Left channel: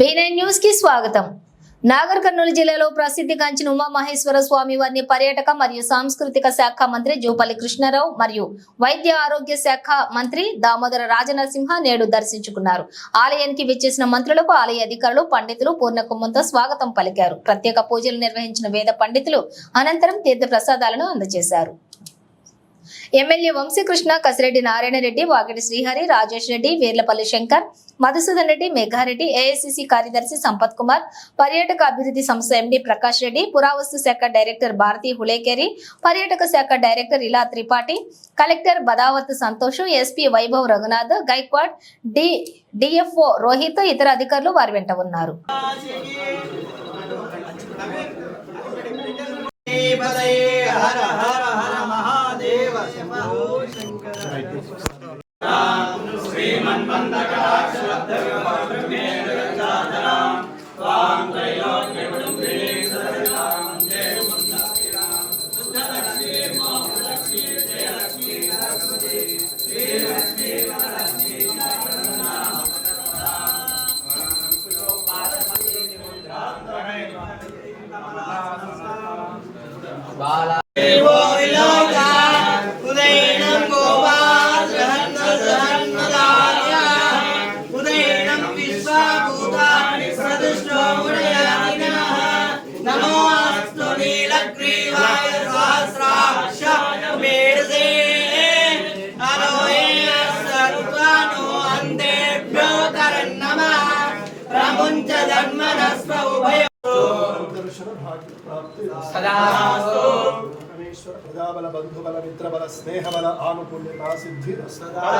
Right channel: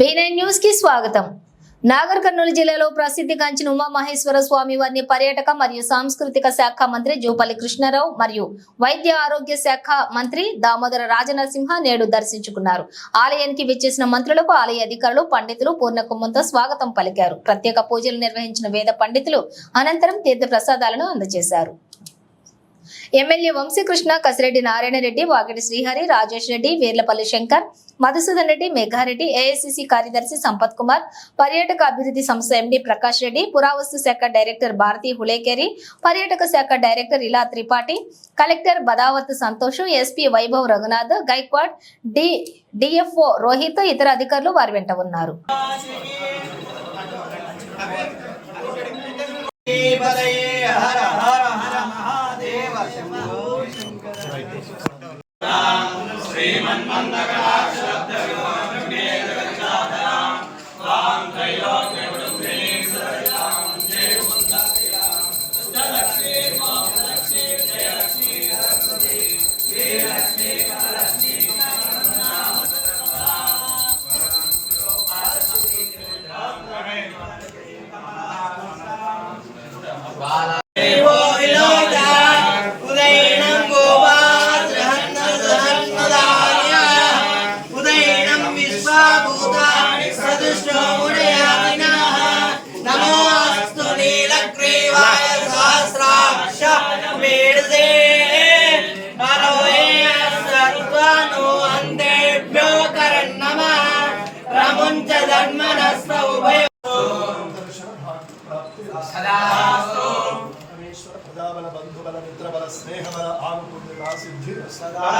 B9 న్యూస్కి స్వాగతం. నాగర్ కర్నూలు జిల్లాలో ప్రసిద్ధిగాంచిన ఉమామహేశ్వర స్వామి వారిని పర్యాటక మరియు సాంస్కృతిక శాఖ మంత్రి జూపల్లి కృష్ణారావు మరియు వైద్య ఆరోగ్య శాఖ మంత్రి దామోదర రాజనరసింహ నేడు దర్శించుకున్నారు. ఆలయానికి విచ్చేసిన మంత్రులకు ఆలయ అధికారులు పండితులు పూర్ణకుంభంతో స్వాగతం పలికారు. ప్రత్యేక పూజలు నిర్వహించిన వేద పండితులు అనంతరం తీర్థ ప్రసాదాలను అందజేశారు. ఎమ్మెల్యే వంశీకృష్ణ కసిరెడ్డి నారాయణ రెడ్డి వాకిటి శ్రీహరి రాజేష్ రెడ్డి వీర్లపల్లి శంకర్ మధుసూదన్ రెడ్డి మేఘారెడ్డి ఏఐసిసి కార్యదర్శి సంపత్ కుమార్ పర్యాటక అభివృద్ధి సంస్థ ఎండి ప్రకాష్ రెడ్డి పురావస్తు శాఖ డైరెక్టర్ భారతి హులేకేరి పర్యాటక శాఖ director Ila Tripathi collector Badavath Santosh SP Vaibhav Raghunath Gaikwad D DFO Rohit ఇతర అధికారులు వారి వెంట ఉన్నారు. హర హర బాల ప్రజాబల బంధుబల మిత్రబల స్నేహబల ఆనుకూల్యత సిద్ధి సదా